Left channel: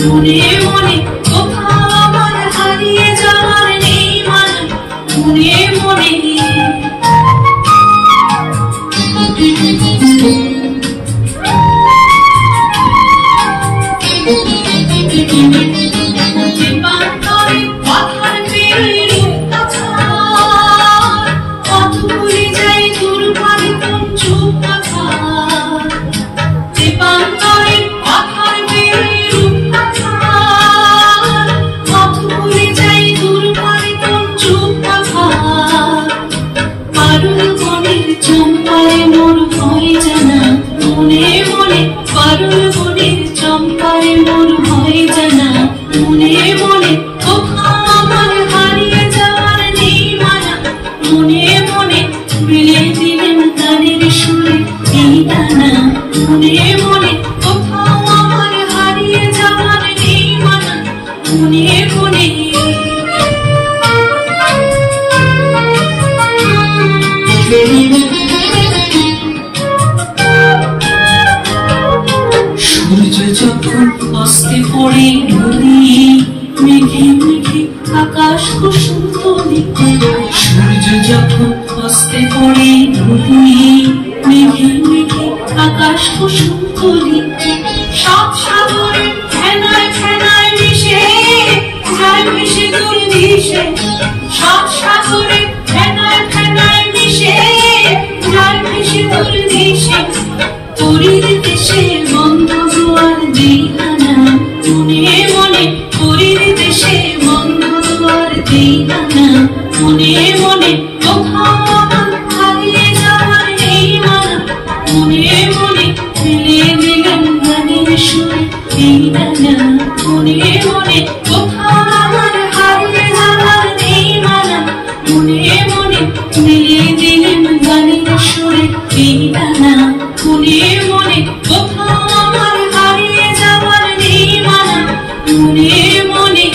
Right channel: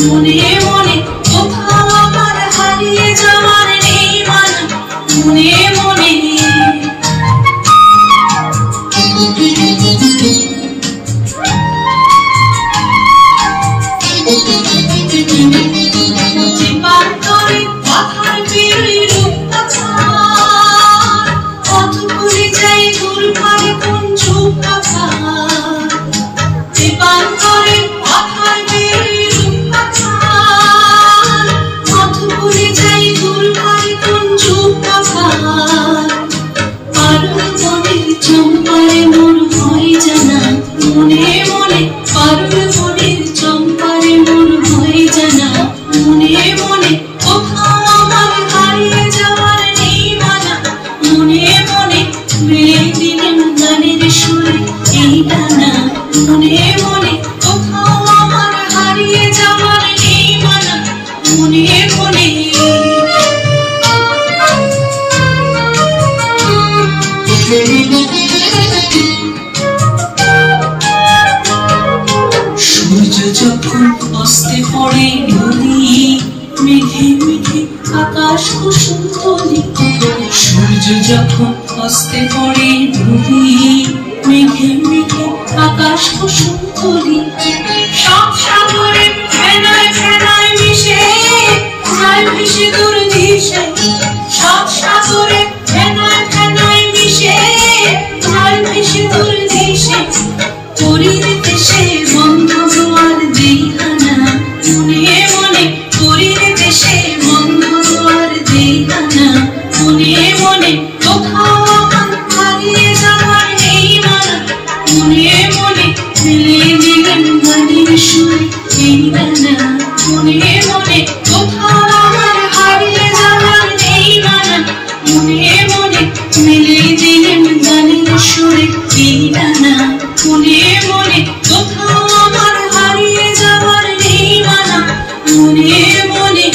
মনে মনে কোথাও আমার হারিয়ে যাওয়ার নেই মানা মনে মনে সূর্য যখন অস্তে পড়ে নদী মেঘে মেঘে আকাশ কুসুম তলি সূর্য যখন অস্তে পড়ে নদী মেঘে মেঘে আকাশ কুসুম তলি সব সাগরে ফেনায় ফেনায় মিশে যায় মিশে দূর দিশে সব সাগরে ফেনায় ফেনায় মিশে যায় মিশে দূর দিশে পরির দেশে বন্ধ দুয়ার দিহানা মনে মনে পরির দেশে বন্ধ দুয়ার দিহানা মনে মনে কোথাও আমার হারিয়ে যাওয়ার নেই মানা মনে মনে ফেলে দিলাম গানের সুরে এই ডানা মনে মনে কোথাও আমার হারিয়ে যাওয়ার নেই মানা মনে মনে ফেলে দিলাম গানের সুরে এই ডানা মনে মনে কোথাও আমার হারিয়ে যাওয়ার নেই মানা মনে মনে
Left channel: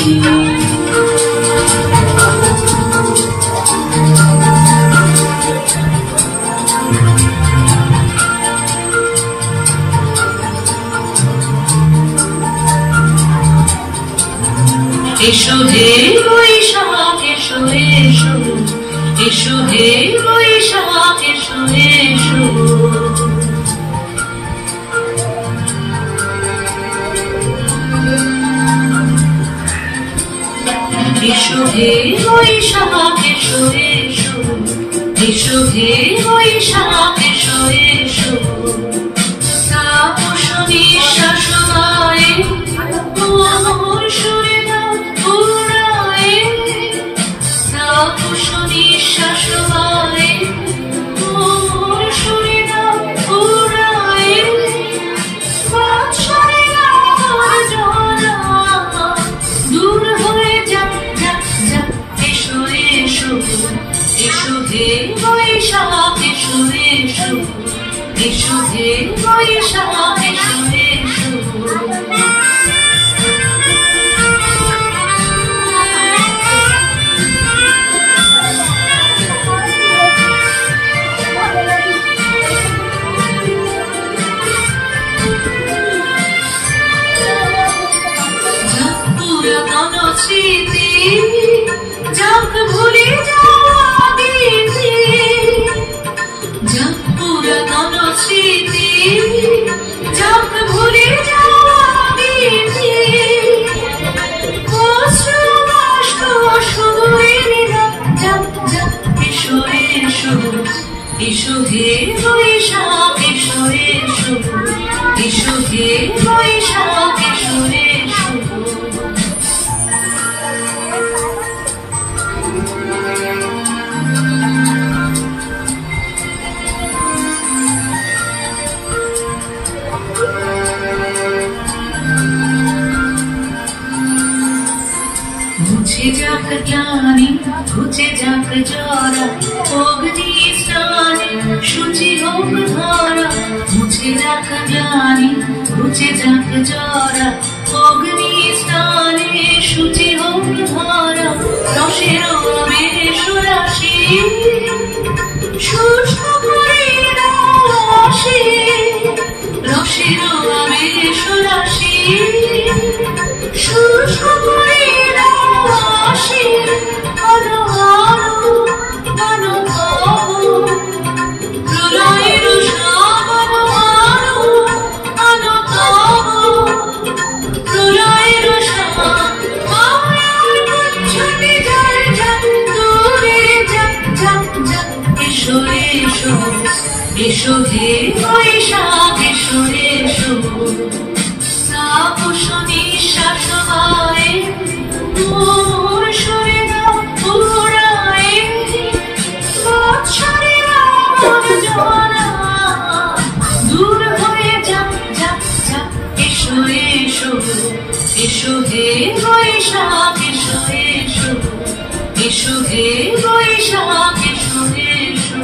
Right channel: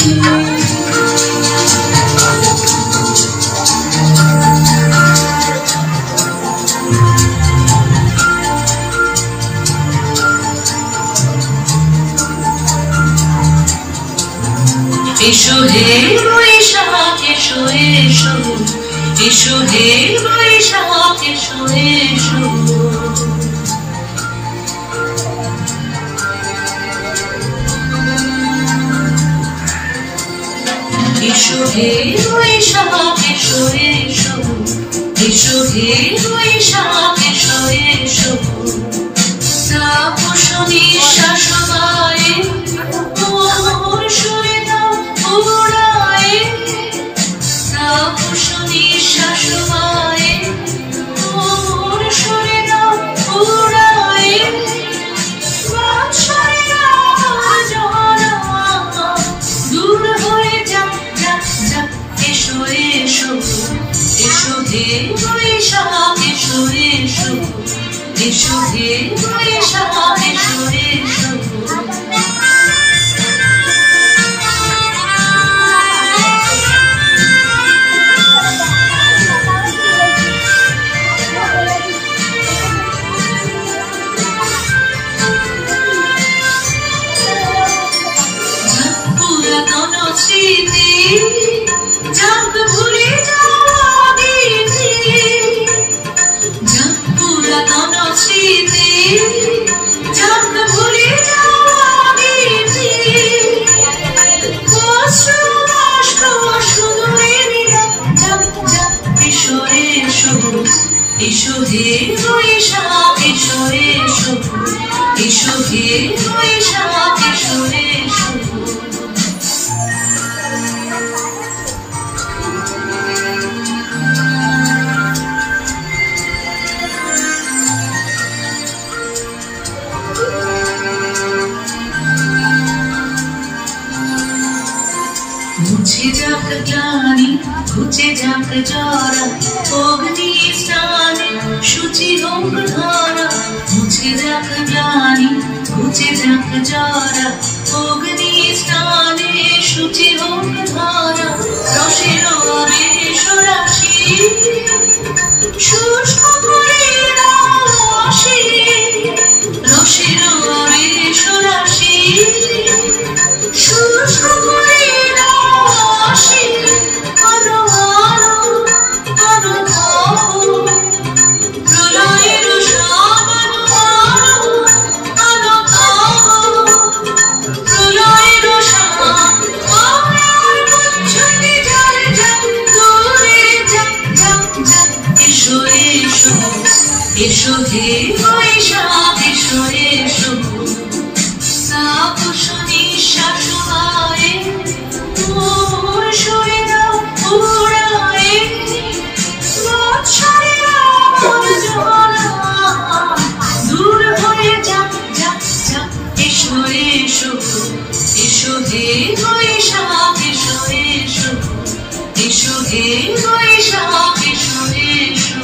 এসো হে বৈশাখ এসো এসো এসো হে বৈশাখ এসো এসো এসো হে বৈশাখ এসো এসো এসো হে বৈশাখ এসো এসো তাপস নিঃশ্বাস বায়ে আমার সুরে দাও উড়ায়ে তাপস নিঃশ্বাস বায়ে আমার সুরে দাও উড়ায়ে বাদশাহে আমার জরা দূর হয়ে যা যা যা এসো এসো এসো হে বৈশাখ এসো এসো এসো হে বৈশাখ এসো এসো পুরাতন স্মৃতি যাক ভুলে যাওয়া গীতি যাক পুরাতন স্মৃতি যাক ভুলে যাওয়া গীতি কষ্ট কষ্ট শুধু যাক যাক এসো এসো এসো হে বৈশাখ এসো এসো এসো হে বৈশাখ এসো এসো মুছে যাক গ্লানি ঘুচে যাক জরা অগ্নি স্নানে শুচি হোক ধারা মুছে যাক গ্লানি ঘুচে যাক জরা অগ্নি স্নানে শুচি হোক ধারা রসের আবেশ রাশি শুষ্ক করে দাও রাশি রসের আবেশ রাশি শুষ্ক করে দাও আসি আলো আলো আলো আলো প্রলয়ের সাবানো আলো আলো আলো প্রলয়ের সাবানোর গুঞ্জনে জল জল দূরে জপ জপ জপ এসো এসো এসো হে বৈশাখ এসো এসো তাপস নিঃশ্বাস হয় মোর শরীর পুরায় বৎসরের আবর্জনা দূর হয়ে যাক যাক যাক এসো এসো এসো হে বৈশাখ এসো এসো এসো হে বৈশাখ এসো এসো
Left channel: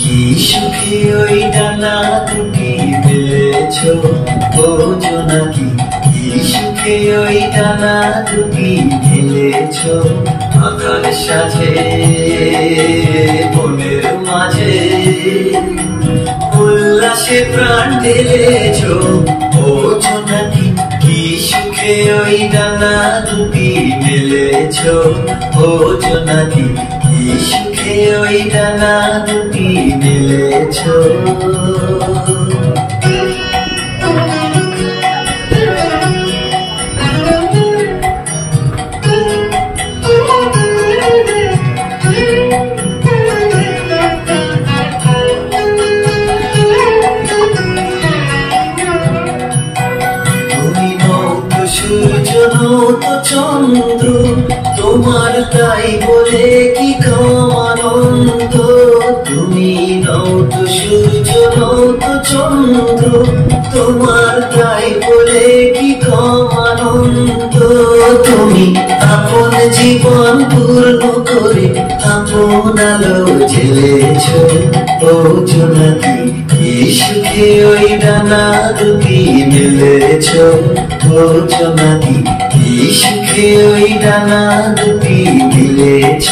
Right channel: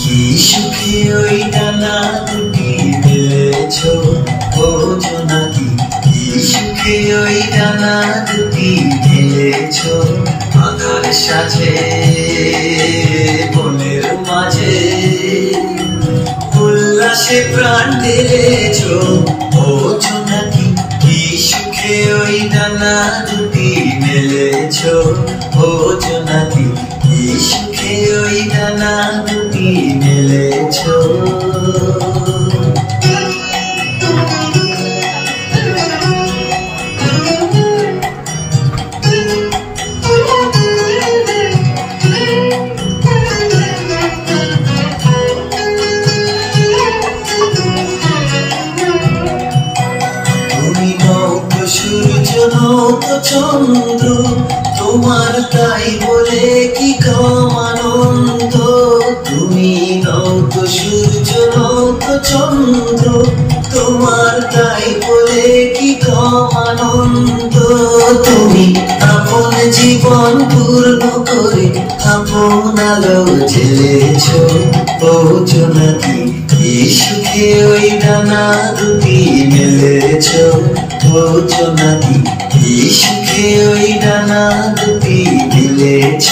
কি সুখে ওই ডানা দুটি মেলেছ ও জোনাকি, কি সুখে ওই ডানা দুটি মেলেছ। আকার সাজে বনের মাঝে উল্লাসে প্রাণ ঢেলেছ ও জোনাকি, কি সুখে ওই ডানা দুটি মেলেছ ও জোনাকি, কি সুখে ওই ডানা দুটি মেলেছ। তুমি নত সূর্য নত চন্দ্র, তোমার তাই বলে কি কম আনন্দ। তুমি নত সূর্য নত চন্দ্র, তোমার তাই বলে কি কম আনন্দ। তুমি আপন জীবন পূর্ণ করে আপন আলো জ্বেলেছ ও জোনাকি, কি সুখে ওই ডানা দুটি মেলেছ ও জোনাকি, কি সুখে ওই ডানা দুটি মেলেছ।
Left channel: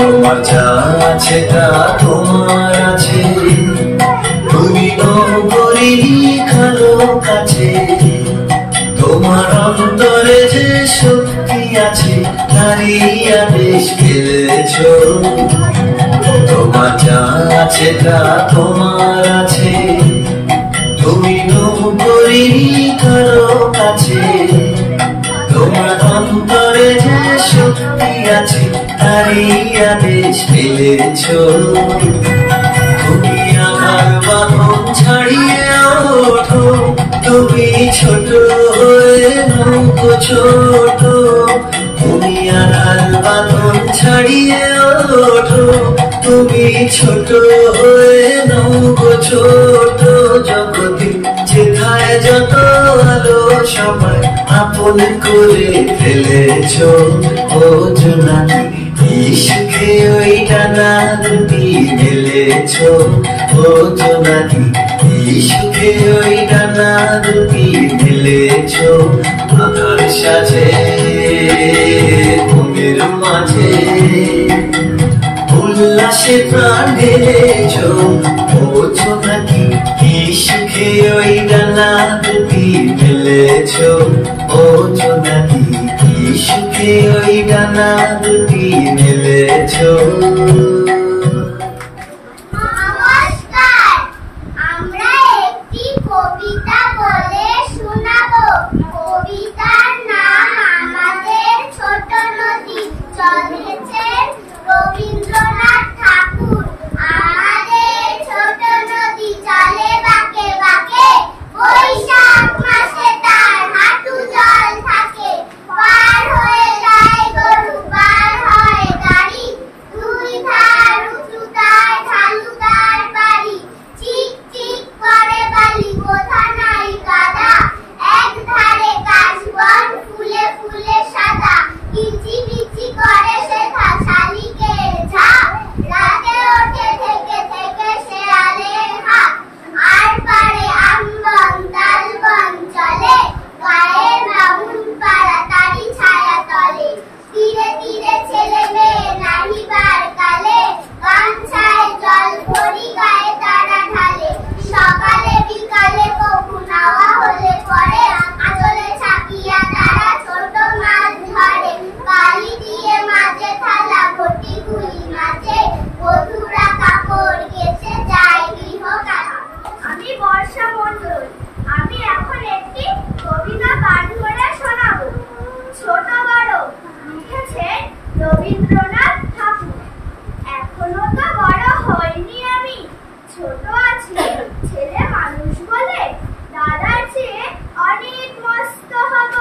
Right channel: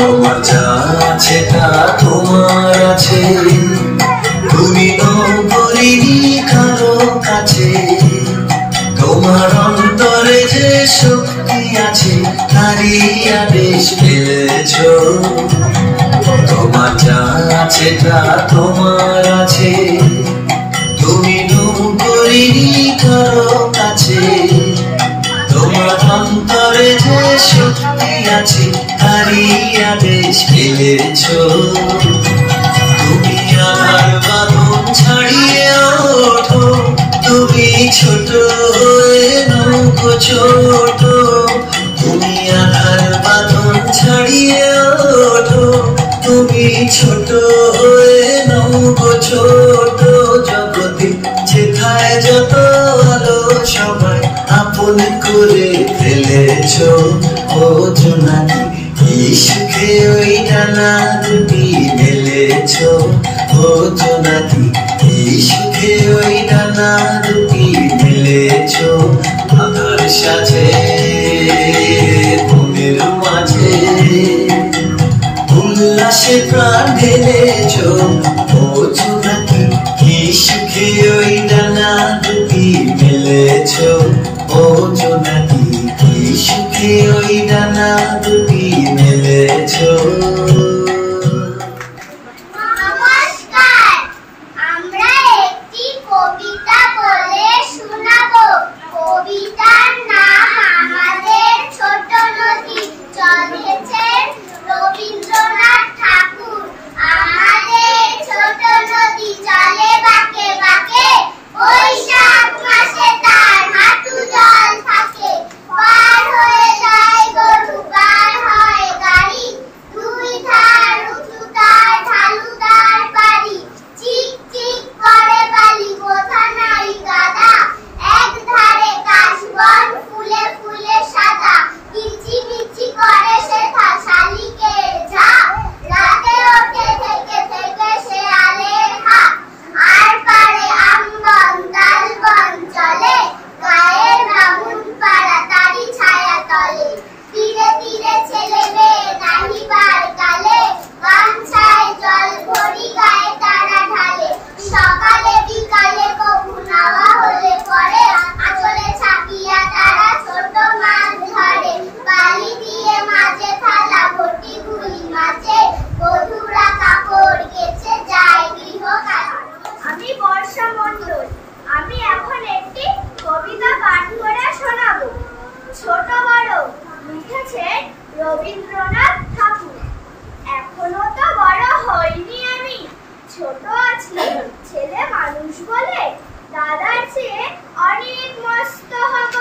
তোমার যা আছে তা তোমার আছে, তুমি নগরীরই কারো কাছে। তোমার অন্তরে যে শক্তি আছে তারই আদেশ পেয়েছ। তোমার যা আছে তা তোমার আছে, তুমি নগরীরই কারো কাছে। তোমার অন্তরে যে শক্তি আছে তারই আদেশ পেয়েছ। তুমি আধার বাঁধন ছাড়িয়ে ওঠো, তুমি ছোট হয়ে নৌকো ছোট। তুমি আধার বাঁধন ছাড়িয়ে ওঠো, তুমি ছোট হয়ে নৌকো ছোট। জগতে যেথায় যত আলো সবাই আপন করে ফেলেছ ও জোনাকি, কি সুখে ওই ডানা দুটি মেলেছ ও জোনাকি, কি সুখে ওই ডানা দুটি মেলেছ। আধার সাজে ঘুমের মাঝে উল্লাসে প্রাণ ঢেলেছ ও জোনাকি, কি সুখে ওই ডানা দুটি মেলেছ ও জোনাকি, কি সুখে ওই ডানা দুটি মেলেছ। নমস্কার, আমরা একটি কবিতা বলে শোনাবো। কবিতার নাম আমাদের ছোট নদী। লিখেছেন রবীন্দ্রনাথ ঠাকুর। আমাদের ছোট নদী চলে বাঁকে বাঁকে, বৈশাখ মাসে তার হাঁটু জল থাকে। পার হয়ে যায় গরু, পার হয় গাড়ি, দুই ধার উঁচু তার, ঢালু তার বাড়ি। চিক চিক করে বালি, কোথা নাই কাদা, এক ধারে কাশবন ফুলে ফুলে সাদা। কিচি মিচি করে সেথা শালিকের ঝাঁক, রাতে ওঠে থেকে থেকে শেয়ালের হাঁক। আর পারে আমবন তালবন চলে, গায়ের বামুন পাড়া তারি ছায়া তলে। তীরে তীরে ছেলে মেয়ে নাহিবার কালে, গামছায় জল ভরি গায়ে তারা ঢালে। সকালে বিকালে কবু নাওয়া হলে পরে, আঁচলে ছাপিয়া তারা ছোট মাছ ধরে। বালি দিয়ে মাঝে থালা ভর্তি গুলি মাছে, বধূরা কাপড় কেচে যায় গৃহ কাজে। আমি বর্ষা মণ্ডল। আমি এখন একটি কবিতা পাঠ করে শোনাবো। ছোট বড়, লিখেছেন রবীন্দ্রনাথ ঠাকুর। এখনো তো বড় হইনি আমি, ছোট আছি ছেলে মানুষ বলে। দাদার চেয়ে অনেক মস্ত হব,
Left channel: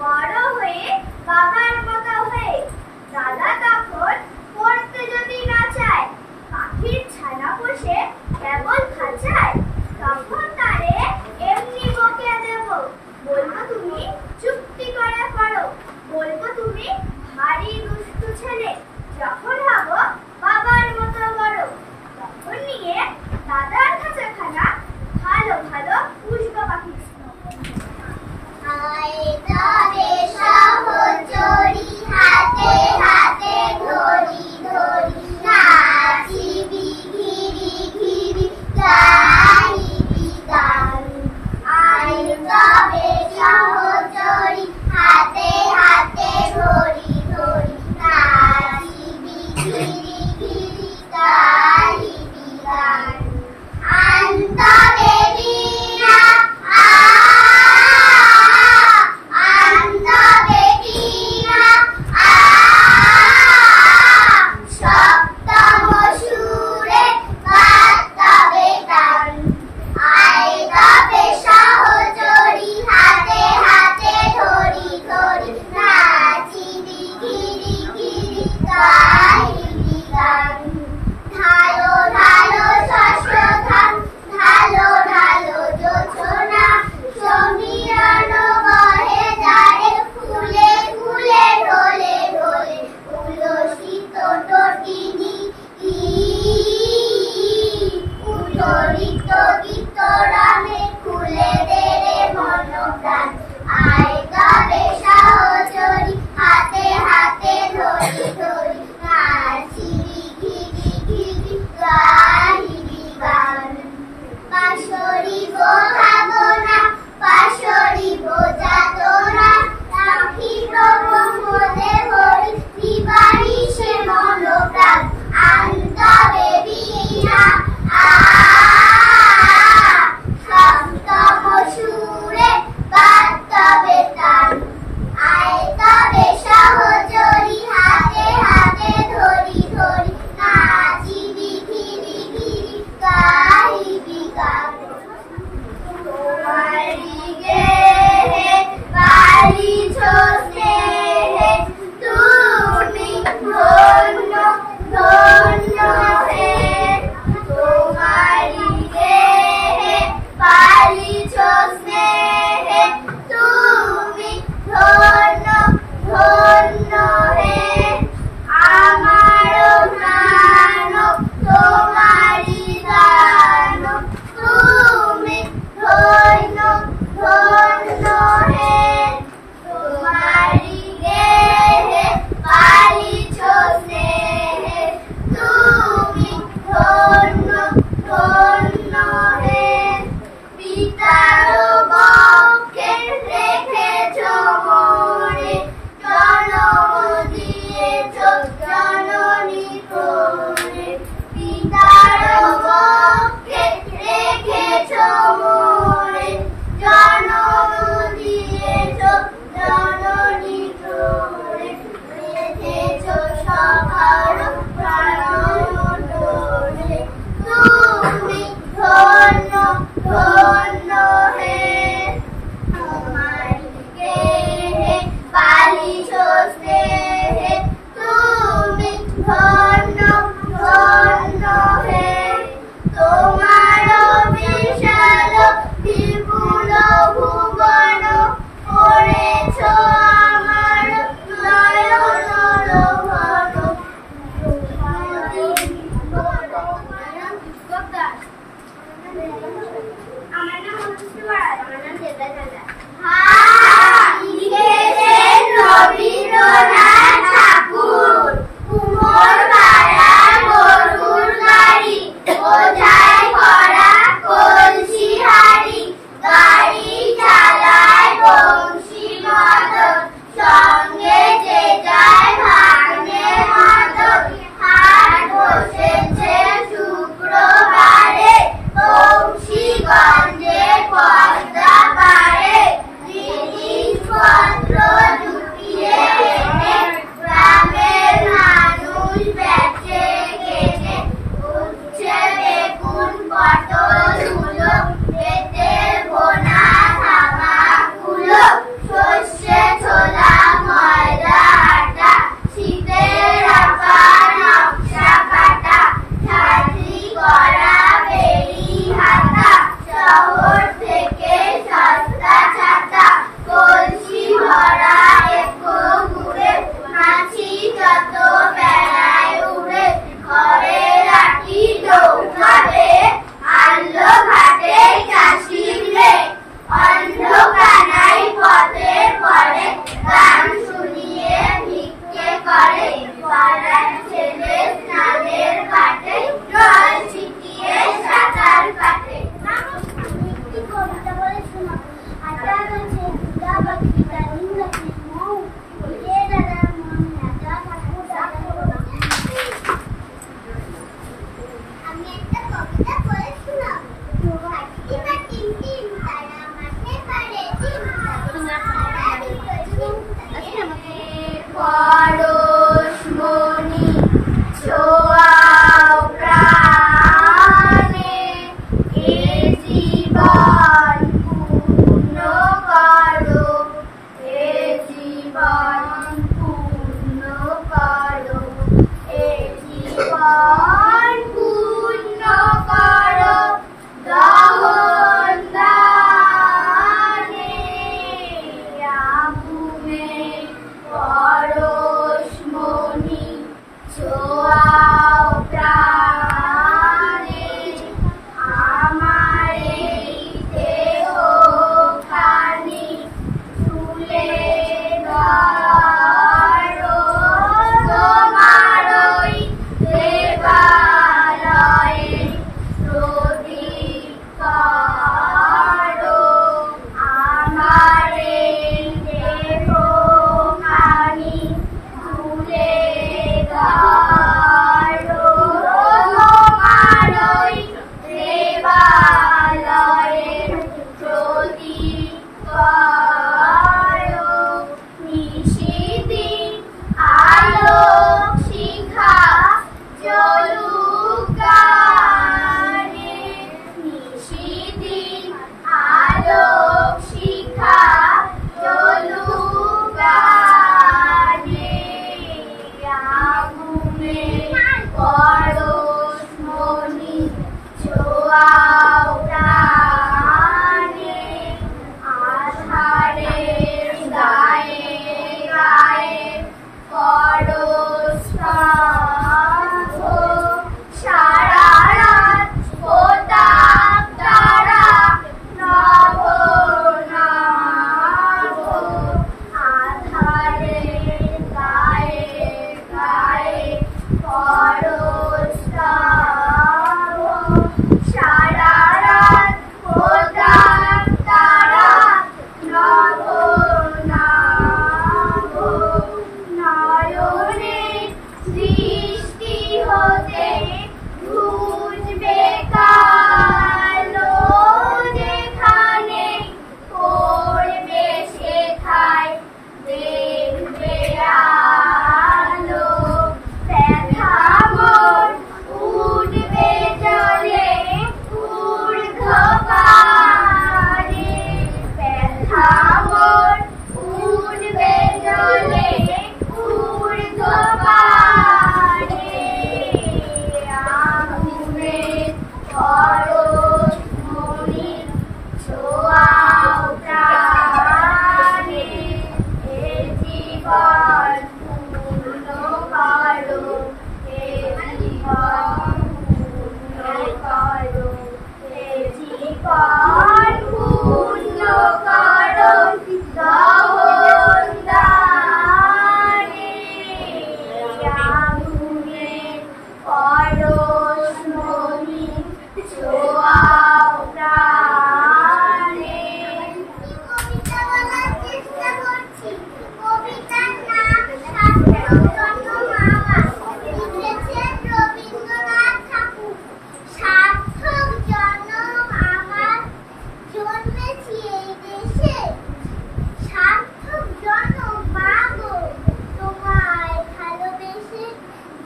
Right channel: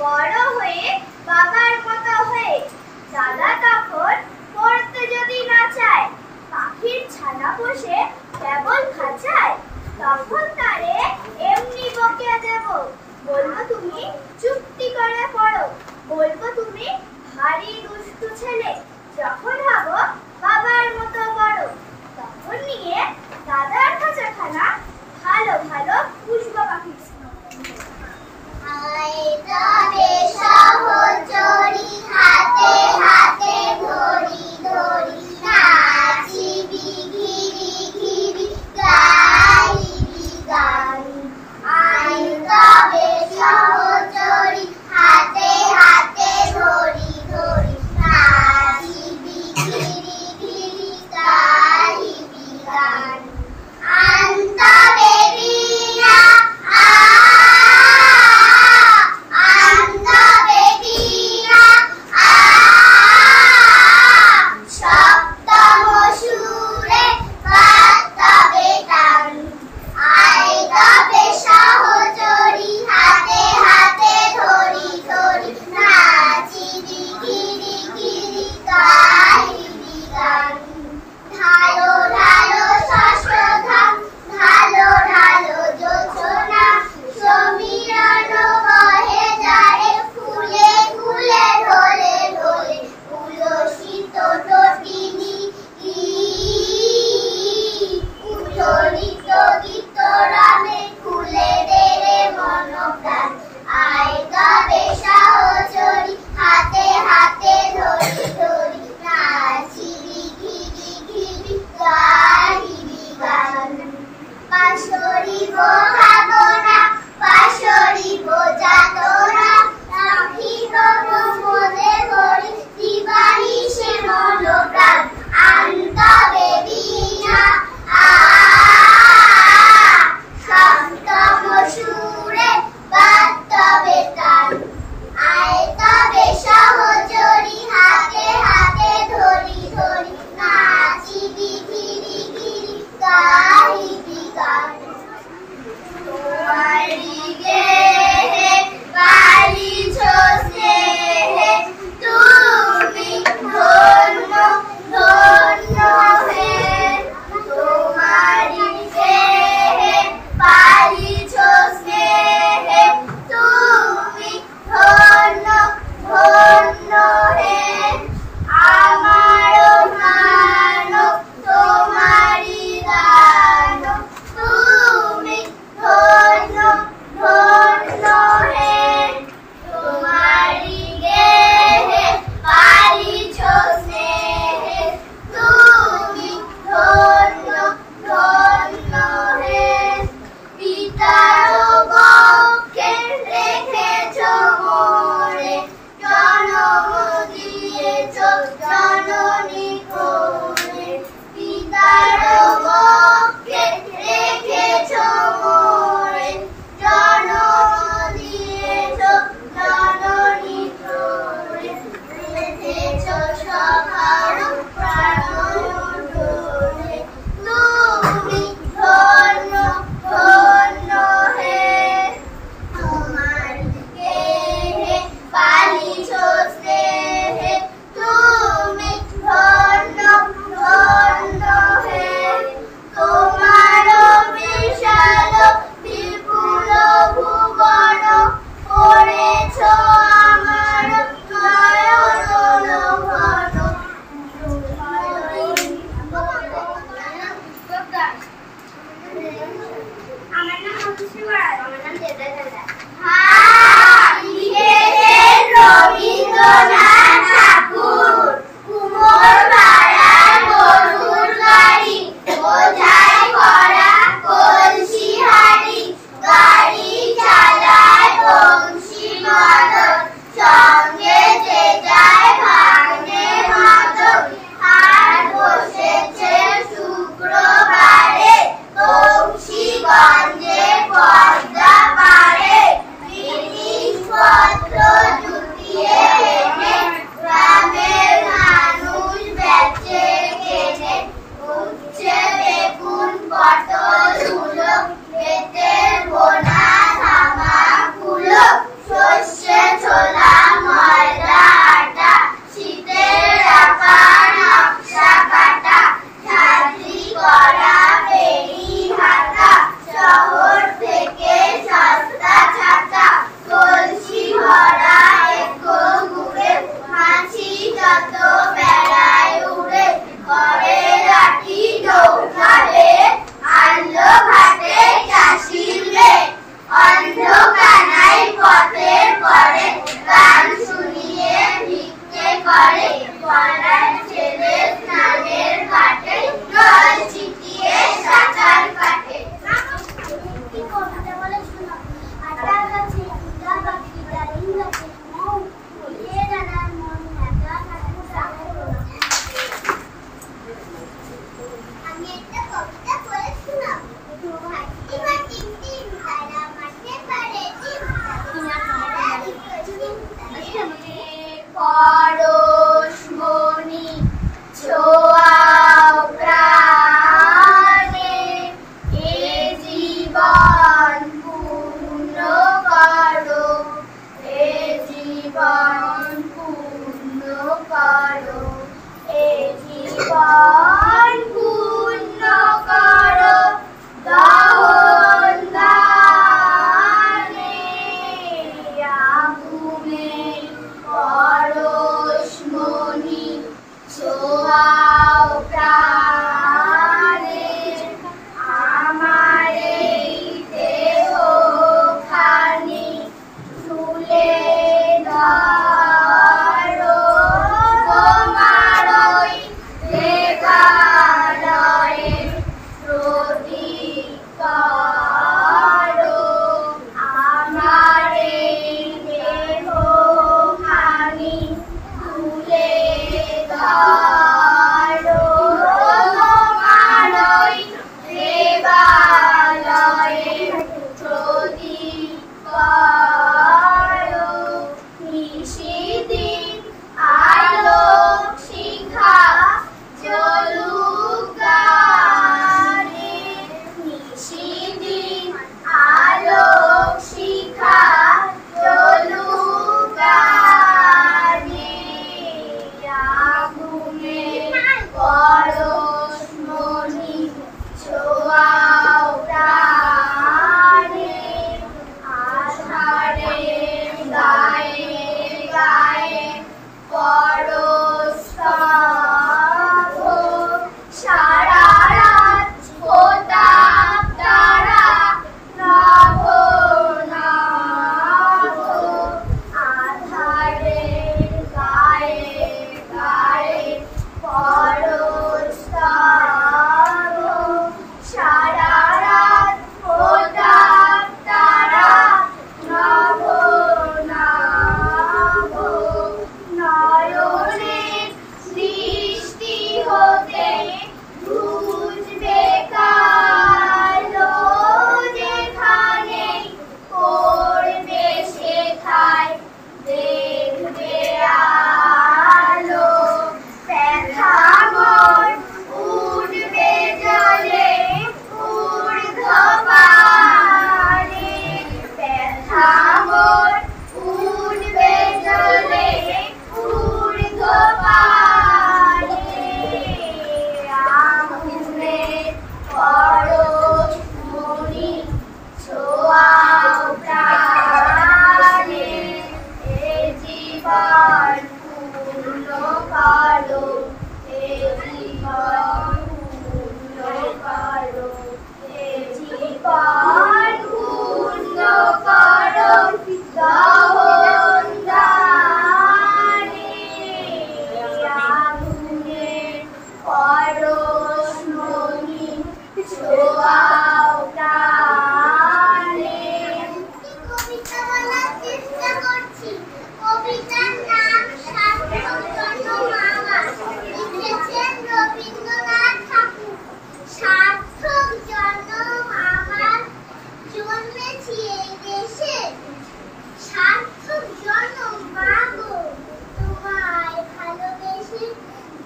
বড় হয়ে বাবার মতো হয়ে। দাদা তখন পড়তে যদি না চায়, পাখির ছানা পোষে কেবল খাঁচায়। তখন তারে এমনি বকে দেব, বলবো তুমি চুক্তি করে পড়ো। বলবো তুমি ভারী দুষ্টু ছেলে, যখন হব বাবার মতো বড়। তখন নিয়ে দাদার খাঁচাখানা ভালো ভালো পুষবো পাখি। তবে সহচরী হাতে হাতে ধরি ধরি, নাচিবি ঘিরি ঘিরি গাইবি গান। তবে সহচরী হাতে হাতে ধরি ধরি, নাচিবি ঘিরি ঘিরি গাইবি গান। তবে বীরা সপ্তম সুরে বাজবে টান। তবে সহচরী হাতে হাতে ধরি ধরি, নাচিবি ভাঙর উঠবে জলে ঊর্ধ্বপানে আগুনের পরশ মনি ছোঁয়াও প্রাণে এ জীবন পূর্ণ করো এ জীবন পূর্ণ করো এ জীবন পূর্ণ করো দহন দানে আগুনের পরশ মনি ছোঁয়াও প্রাণে। কবিতা বলার চেষ্টা করছি। কবিতার নাম সার্থক জন্ম আমার, লিখেছেন রবীন্দ্রনাথ ঠাকুর। সার্থক জন্ম আমার, জন্মেছি এই দেশে। সার্থক জন্ম মা গো, তোমায় ভালোবেসে।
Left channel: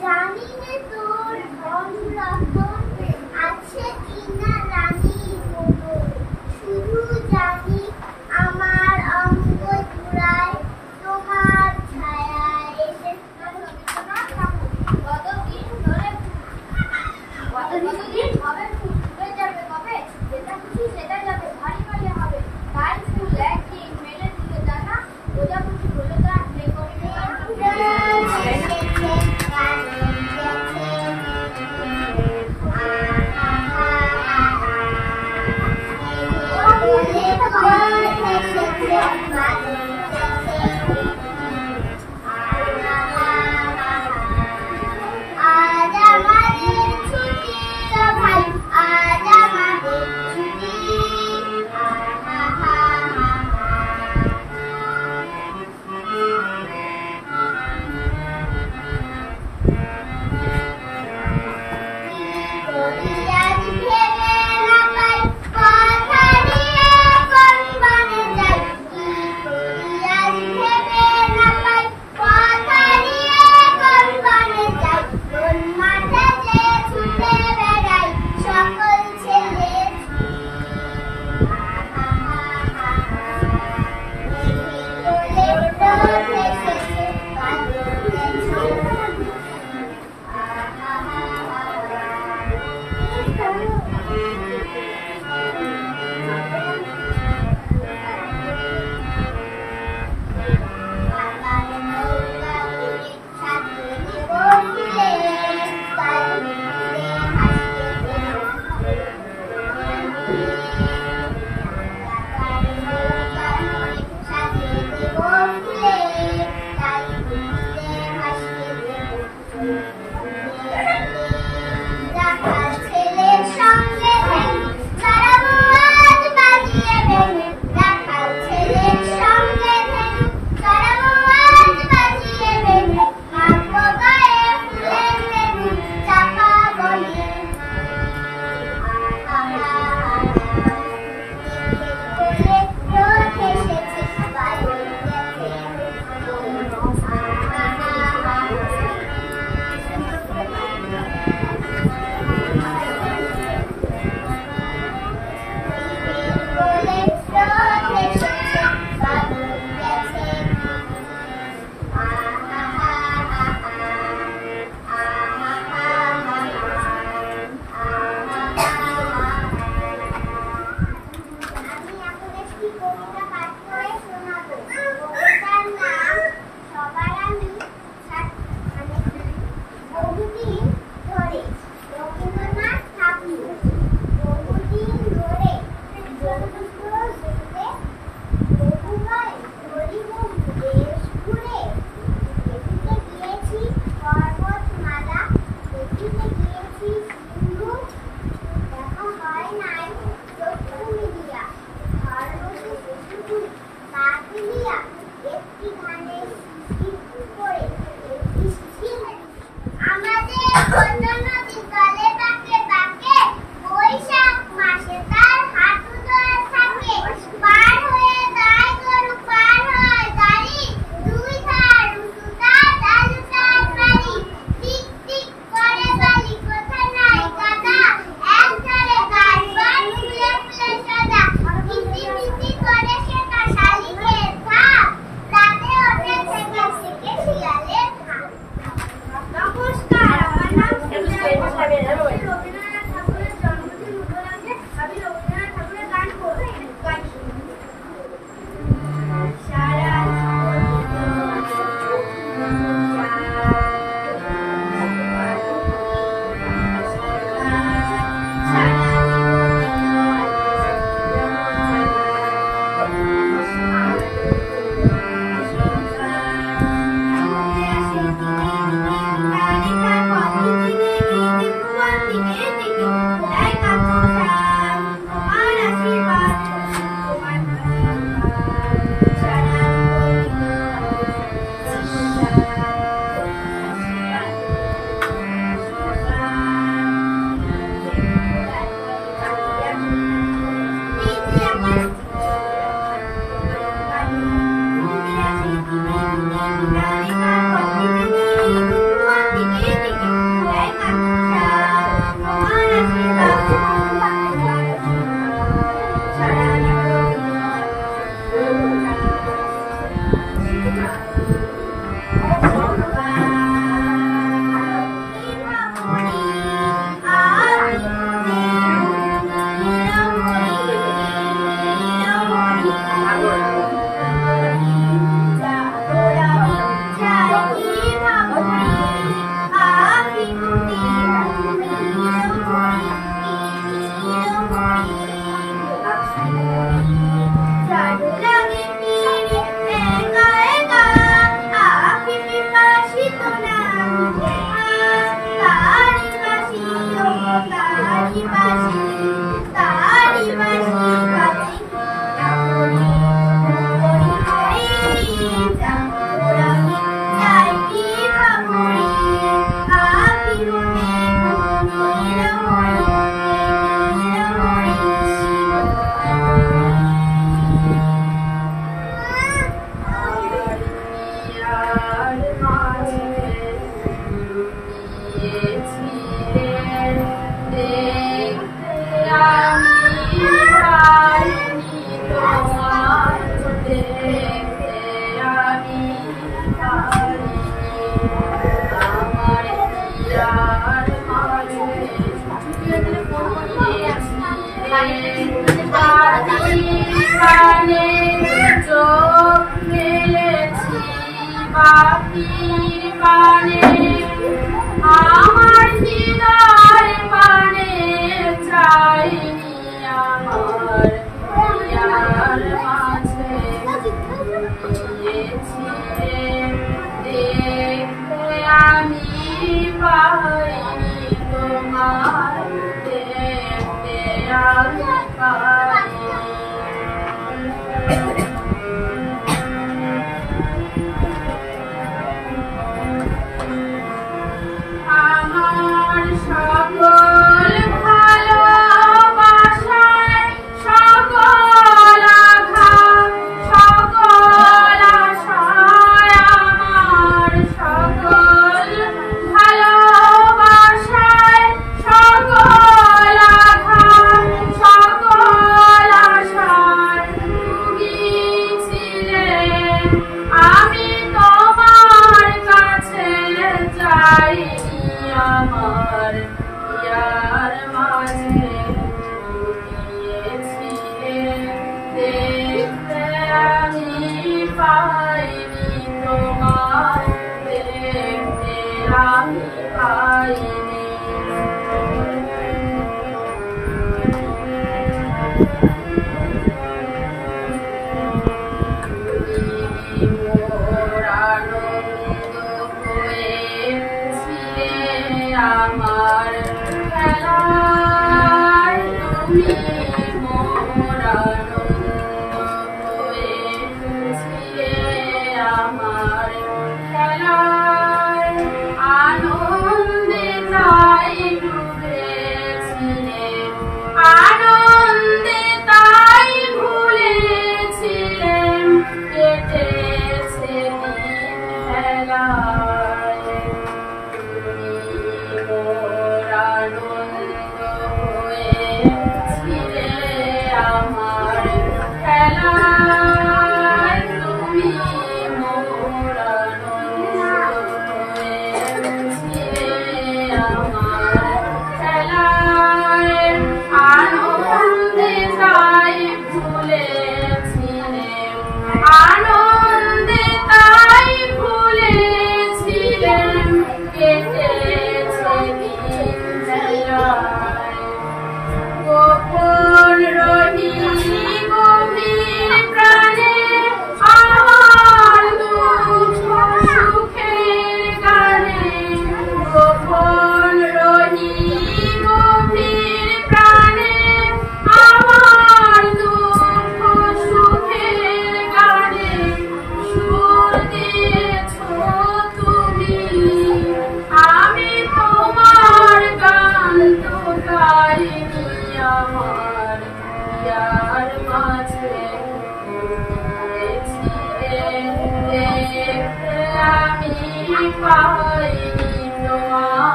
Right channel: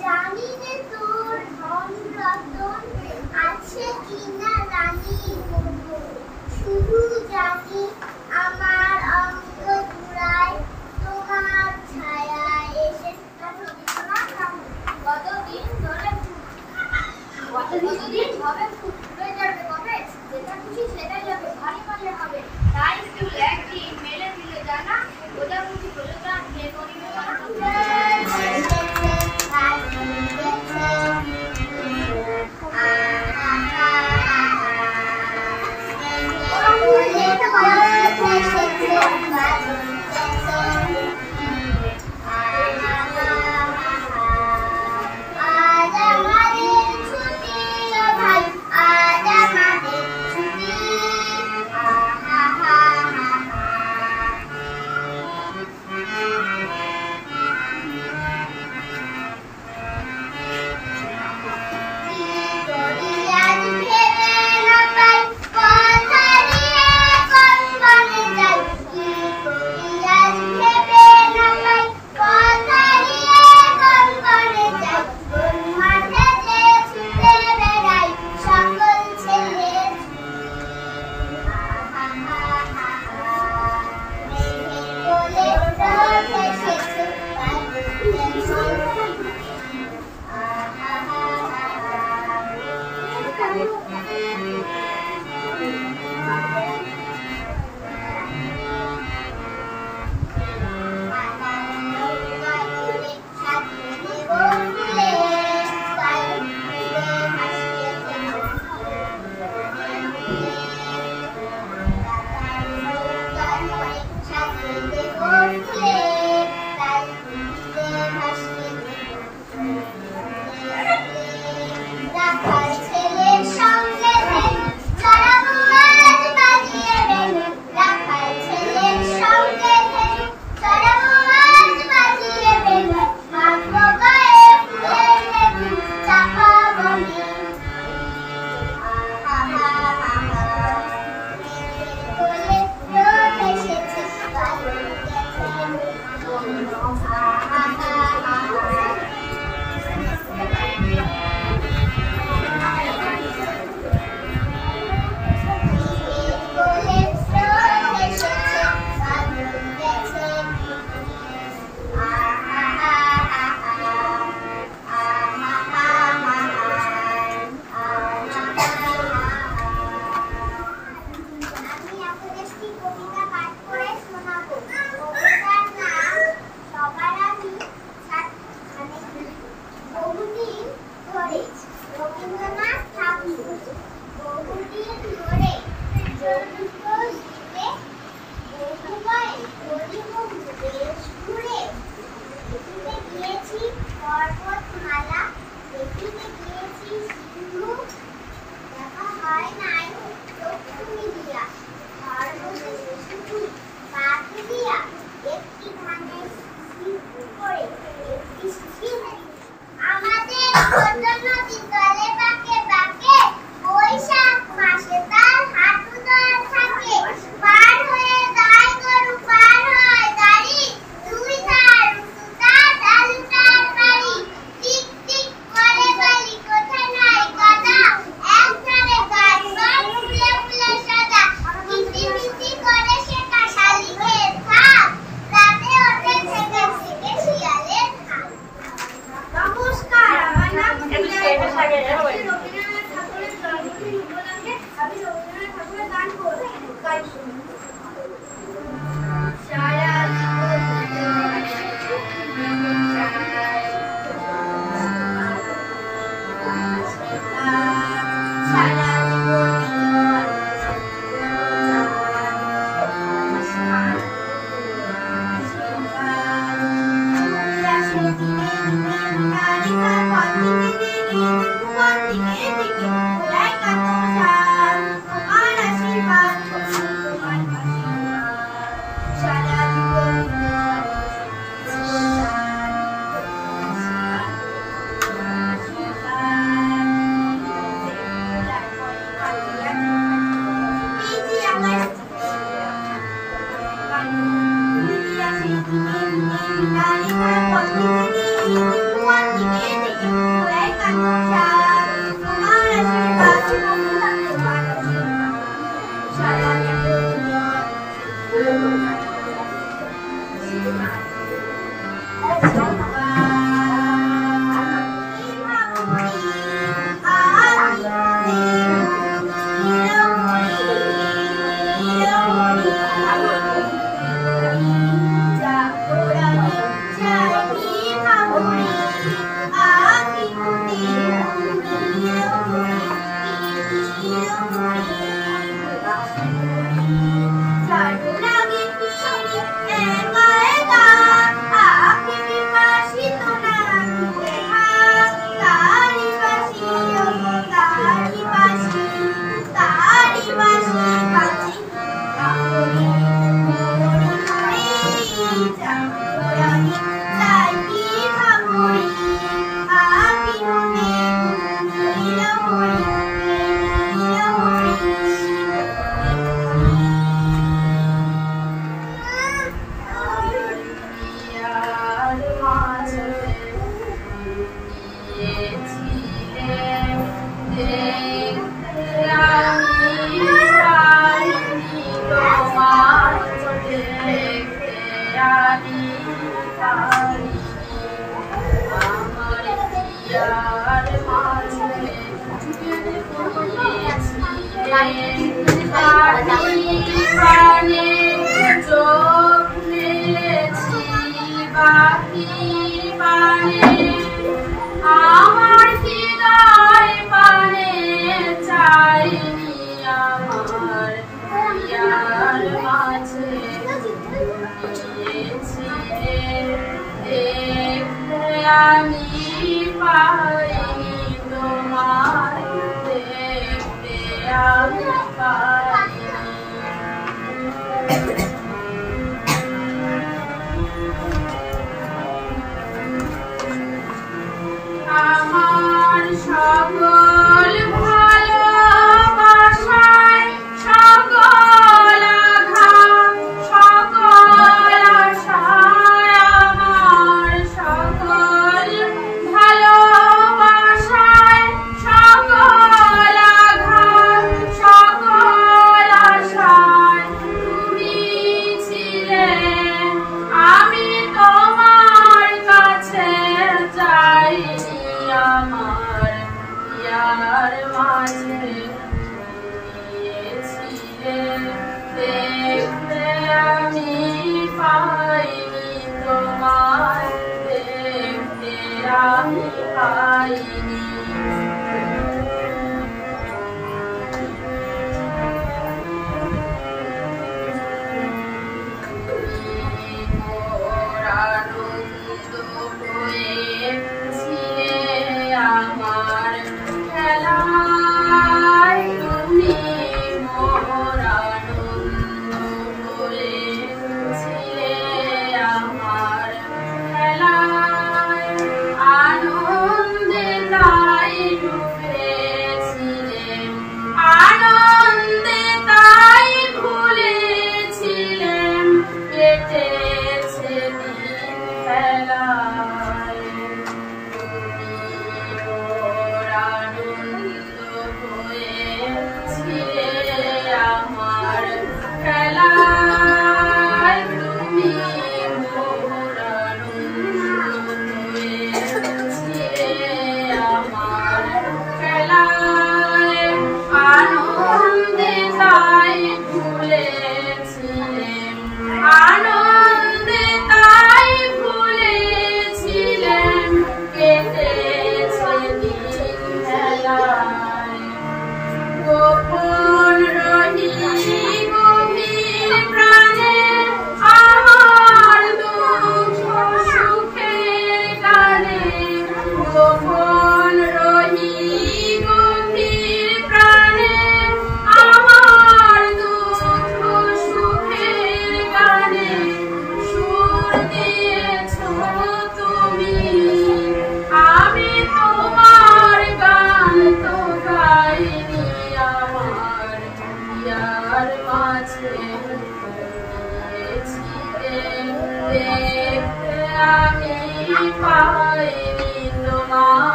জানি যে তোর ধন রতন আছে কিনা রানী মতো, শুধু জানি আমার অঙ্গ জুড়ায় তোমার ছায়া এসে। কতদিন ধরে কতদিন হবে ফুটে যাবে কবে, যেটা খুশি সেটা যাবে, ভারী ভারী হবে। তাই ফুল একদিন মেলে দিলে জানা, ওটা খুশি হলে তা প্লে করিবে না। আজ আমাদের ছুটি ও ভাই, আজ আমাদের ছুটি। কি করি আজ ভেবে না পাই, কথা নিয়ে কোন বনে যাই। কি করি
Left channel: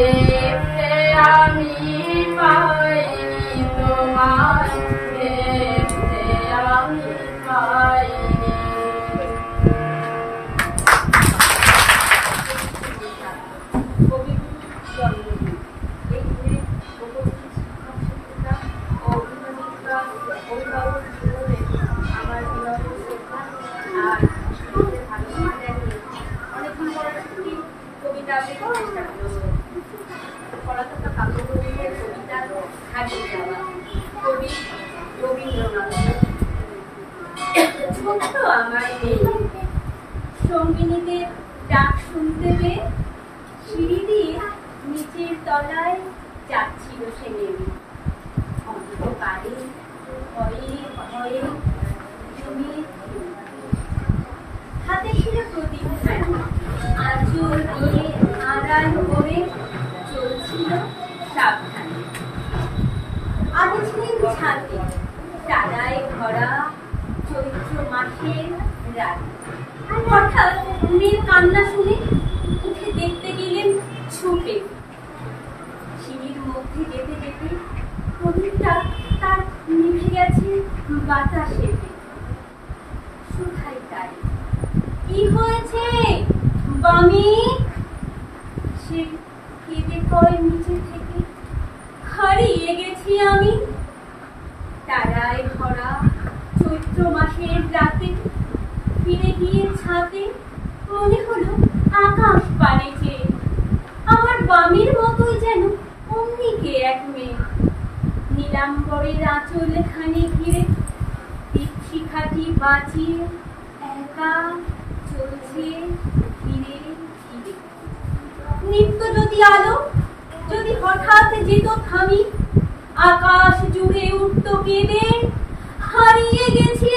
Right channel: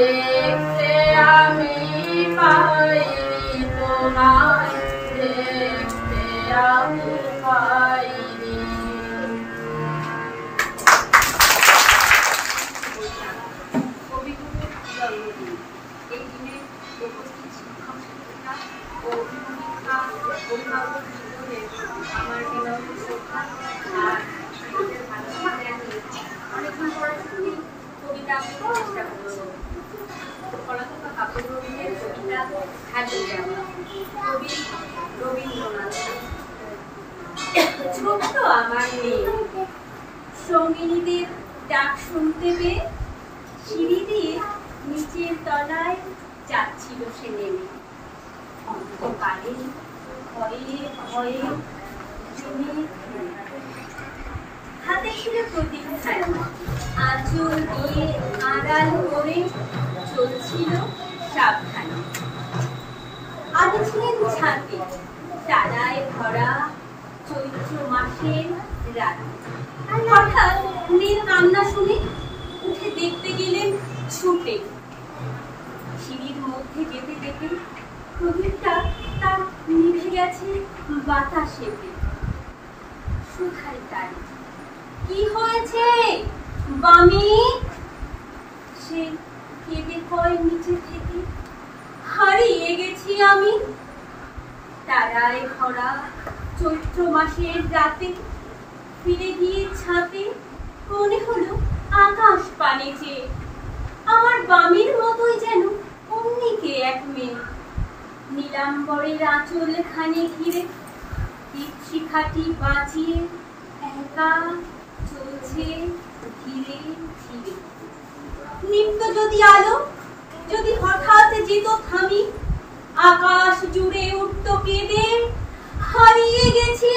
দেখতে আমি পাইনি তোমায়, দেখতে আমি পাইনি। কবিগুরুর জন্মদিন। এই দিনে উপস্থিত শিক্ষক শিক্ষিকা ও অভিভাবিকা অভিভাবক বৃন্দদের আমার বিনম্র শ্রদ্ধা আর শিশুদের ভালোবাসা জানিয়ে অনেকদিন পরে একটি কবিতা আবৃত্তির চেষ্টা করছি। পলাতকা কাব্যগ্রন্থের কবিতা হারিয়ে যাওয়া, কবি রবীন্দ্রনাথ। ছোট্ট আমার মেয়ে সঙ্গিনীদের ডাক শুনতে পেয়ে সিঁড়ি দিয়ে নিচের তলায় যাচ্ছিল সে নেমে। অন্ধকারে ভয়ে ভয়ে হাতে ছিল প্রদীপ, আঁচল দিয়ে আড়াল করে চলছিল সাবধানে। আগে ছিলেন ছাতে, তারায় ভরা চৈত্র মাসের রাত। হঠাৎ মেয়ের কান্না শুনে উঠে দেখতে গেলেন ছুটে। সিঁড়ির মধ্যে যেতে যেতে প্রদীপটা তার নিভে গেছে বাতাসে। শুধাই তাই, কি হয়েছে বামি? সে কেঁদে কয় নিচে থেকে, হারিয়ে গেছি আমি তারায় ভরা চৈত্র মাসের রাতে। ফিরে গিয়ে ছাতে মনে হলো আকাশ পানে চেয়ে আমার বামির মতোই যেন অমনিকে এক মেয়ে। নীলাম্বরের আঁচল খানি ঘিরে দীপশিখাটি বাঁচিয়ে একা চলছে ধীরে ধীরে। নিত্য যদি আলো যদি হঠাৎ যেত থামি, আকাশ জুড়ে উঠত কেঁদে, হারিয়ে গেছি